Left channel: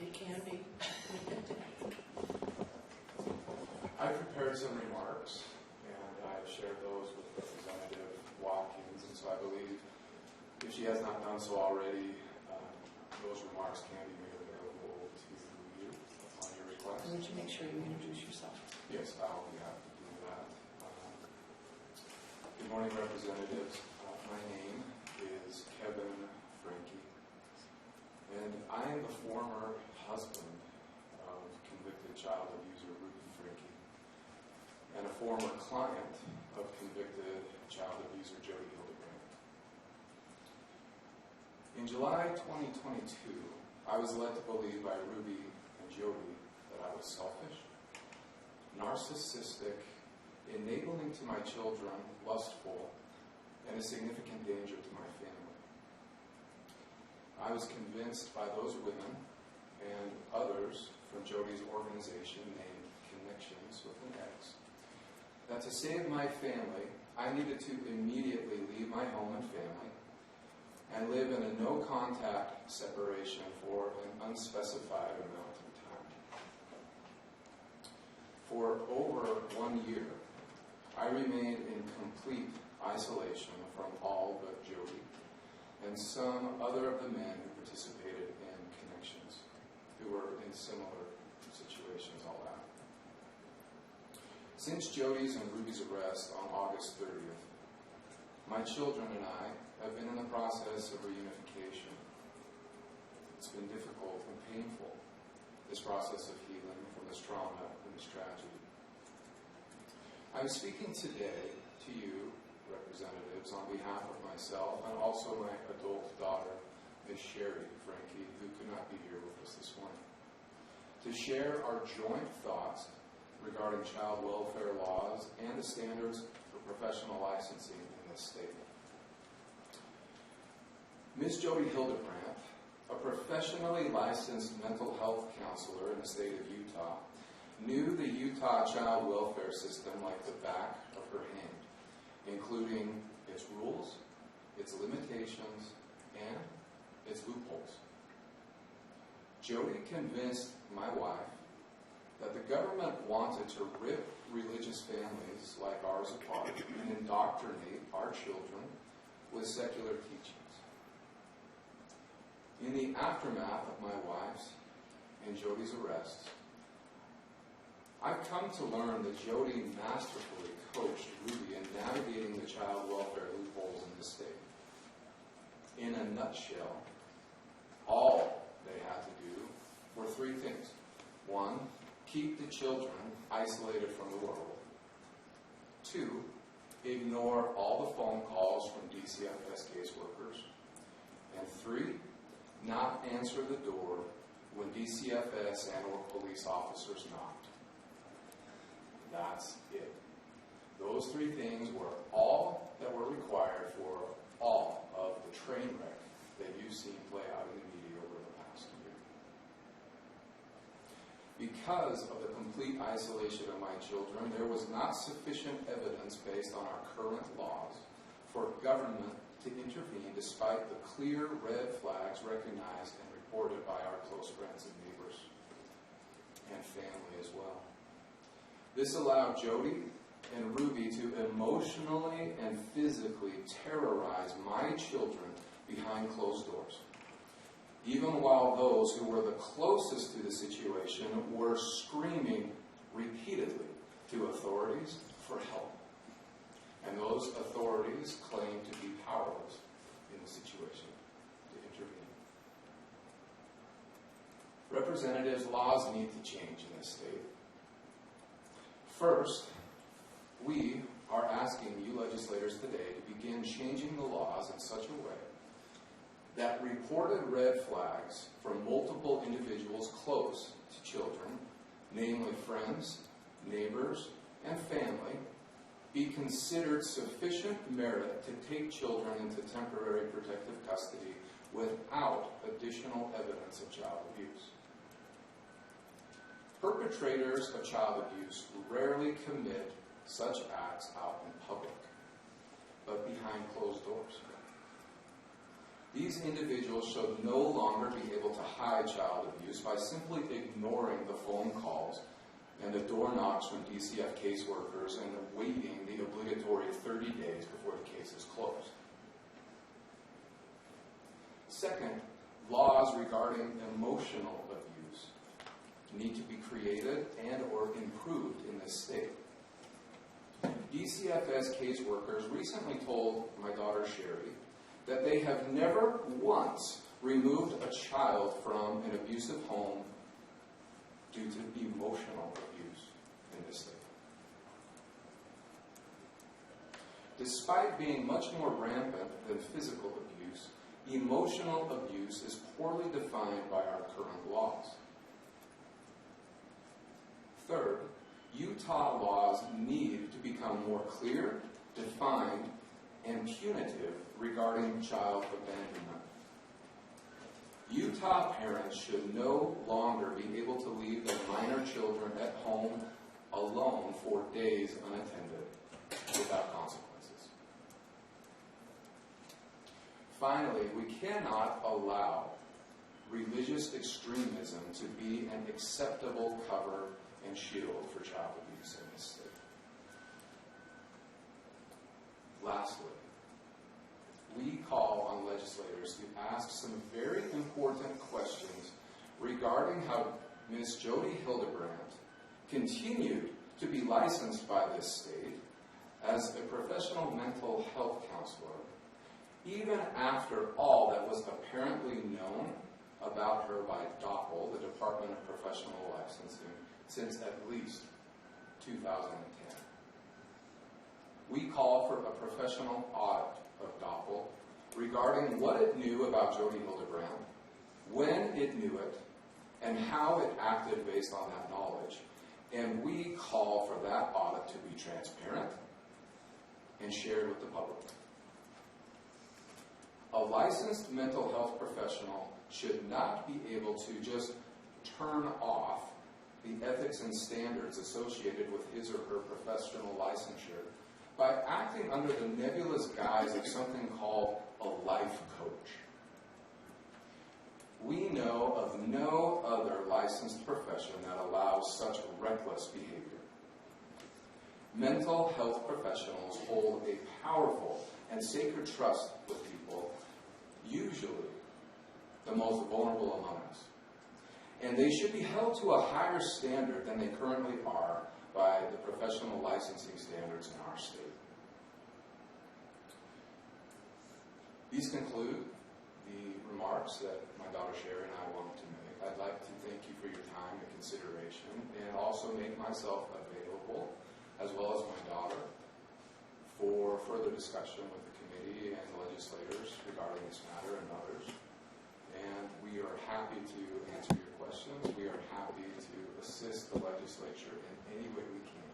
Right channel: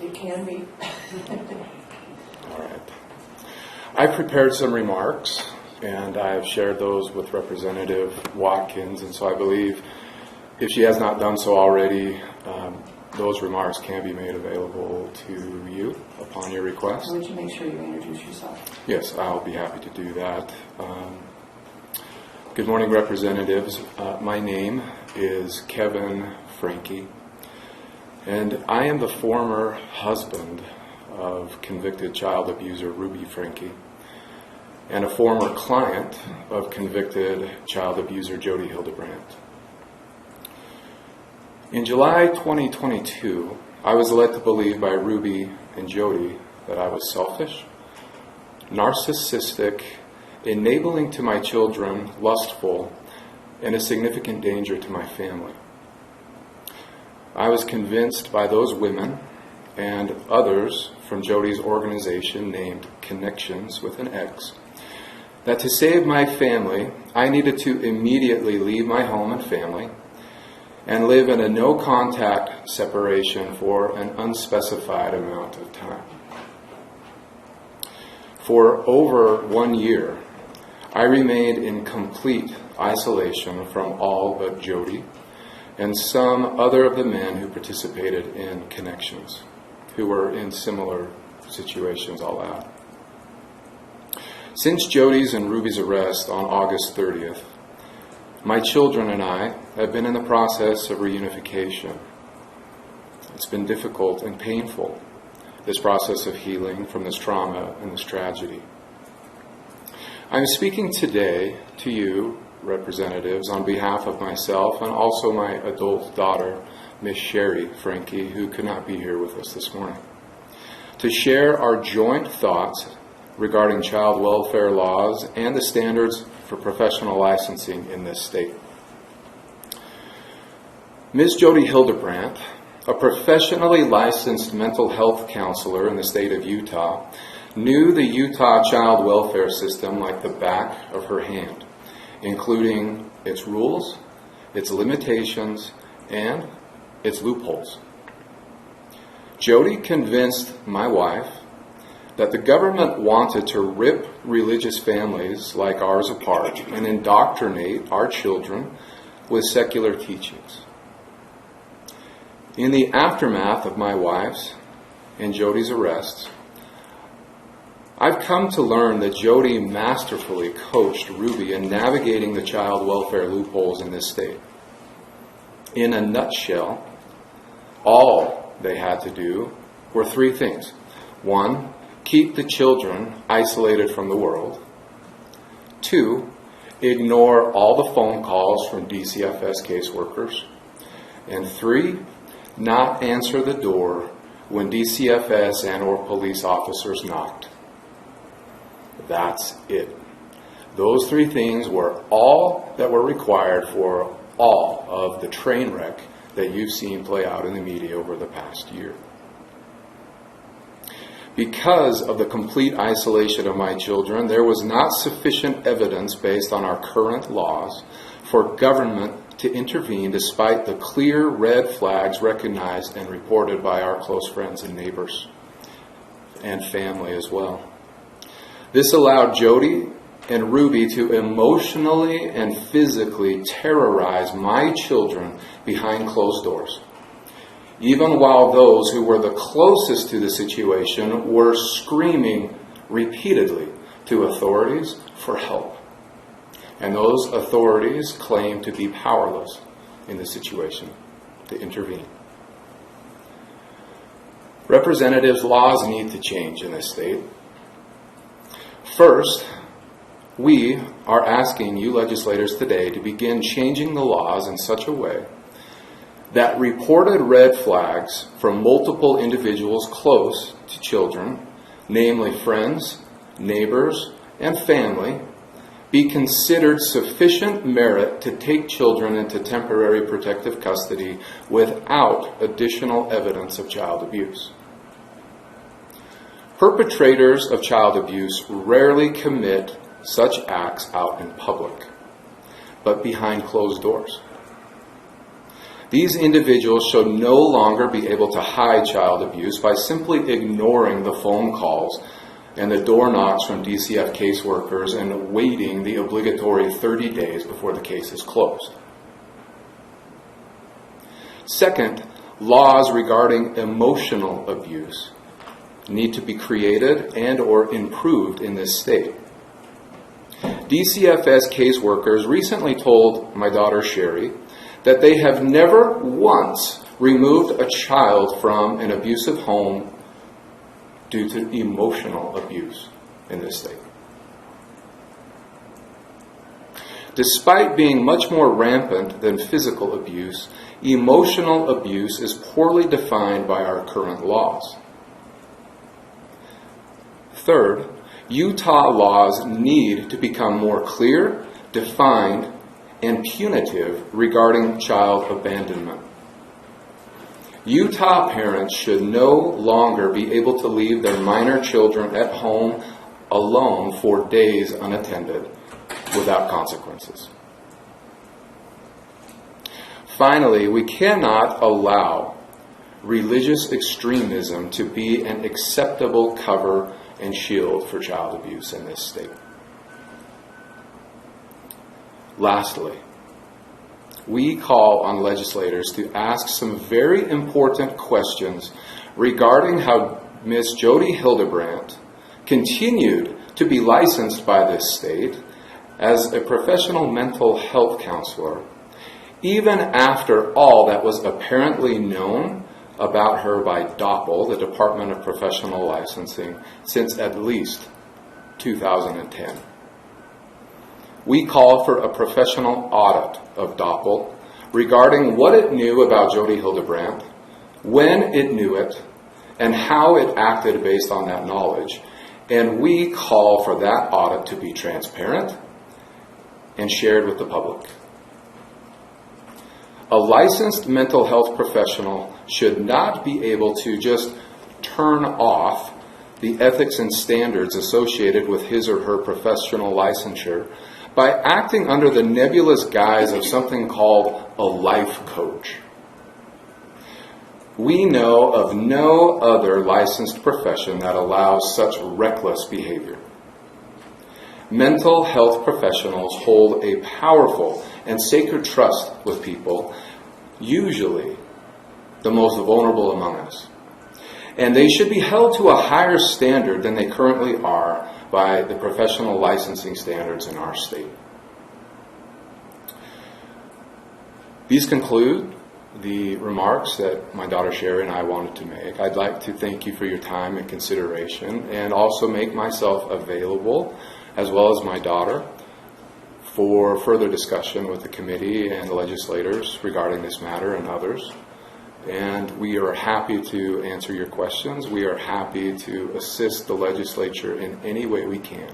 It can be. All right. I prepared some remarks, and I've shared those with Representative Watkins, and so I believe if she has not done so already, those remarks can be made available to you upon your request. Would you make sure you introduce yourself? Yes, I'll be happy to do that. Good morning, Representatives. My name is Kevin Franke, and I am the former husband of convicted child abuser Ruby Franke and a former client of convicted child abuser Jody Hildebrandt. In July 2022, I was led to believe by Ruby and Jody that I was selfish, narcissistic, enabling to my children, lustful, and a significant danger to my family. I was convinced by those women and others from Jody's organization named Connections with an X that to save my family, I needed to immediately leave my home and family and live in a no-contact separation for an unspecified amount of time. For over 1 year, I remained in complete isolation from all but Jody and some other of the men who participated in Connections, who were in similar situations, I'll add. Since Jody's and Ruby's arrest on August 30th, my children and I have been in the process of reunification. It's been difficult and painful, this process of healing from this trauma and this tragedy. I'm speaking today to you, representatives, on behalf of myself and also my adult daughter, Miss Sherry Franke, who could not be here with us this morning, to share our joint thoughts regarding child welfare laws and the standards for professional licensing in this state. Ms. Jody Hildebrandt, a professionally licensed mental health counselor in the state of Utah, knew the Utah child welfare system like the back of her hand, including its rules, its limitations, and its loopholes. Jody convinced my wife that the government wanted to rip religious families like ours apart and indoctrinate our children with secular teachings. In the aftermath of my wife's and Jody's arrests, I've come to learn that Jody masterfully coached Ruby in navigating the child welfare loopholes in this state. In a nutshell, all they had to do were three things. One, keep the children isolated from the world. Two, ignore all the phone calls from DCFS caseworkers. And three, not answer the door when DCFS and or police officers knocked. That's it. Those three things were all that were required for all of the train wreck that you've seen play out in the media over the past year. Because of the complete isolation of my children, there was not sufficient evidence based on our current laws for government to intervene despite the clear red flags recognized and reported by our close friends and neighbors and family as well. This allowed Jody and Ruby to emotionally and physically terrorize my children behind closed doors, even while those who were the closest to the situation were screaming repeatedly to authorities for help. And those authorities claimed to be powerless in the situation to intervene. Representatives, laws need to change in this state. First, we are asking you legislators today to begin changing the laws in such a way that reported red flags from multiple individuals close to children, namely friends, neighbors, and family, be considered sufficient merit to take children into temporary protective custody without additional evidence of child abuse. Perpetrators of child abuse rarely commit such acts out in public, but behind closed doors. These individuals should no longer be able to hide child abuse by simply ignoring the phone calls and the door knocks from DCF caseworkers and waiting the obligatory 30 days before the case is closed. Second, laws regarding emotional abuse need to be created and or improved in this state. DCFS caseworkers recently told my daughter Sherry that they have never once removed a child from an abusive home due to emotional abuse in this state. Despite being much more rampant than physical abuse, emotional abuse is poorly defined by our current laws. Third, Utah laws need to become more clear, defined, and punitive regarding child abandonment. Utah parents should no longer be able to leave their minor children at home alone for days unattended without consequences. Finally, we cannot allow religious extremism to be an acceptable cover and shield for child abuse in this state. Lastly, we call on legislators to ask some very important questions regarding how Ms. Jody Hildebrandt continued to be licensed by this state as a professional mental health counselor, even after all that was apparently known about her by DOPL, the Department of Professional Licensing, since at least 2010. We call for a professional audit of DOPL regarding what it knew about Jody Hildebrandt, when it knew it, and how it acted based on that knowledge. And we call for that audit to be transparent and shared with the public. A licensed mental health professional should not be able to just turn off the ethics and standards associated with his or her professional licensure by acting under the nebulous guise of something called a life coach. We know of no other licensed profession that allows such reckless behavior. Mental health professionals hold a powerful and sacred trust with people, usually the most vulnerable among us. And they should be held to a higher standard than they currently are by the professional licensing standards in our state. These conclude the remarks that my daughter Sherry and I wanted to make. I'd like to thank you for your time and consideration, and also make myself available, as well as my daughter, for further discussion with the committee and the legislators regarding this matter and others. And we are happy to answer your questions. We are happy to assist the legislature in any way we can.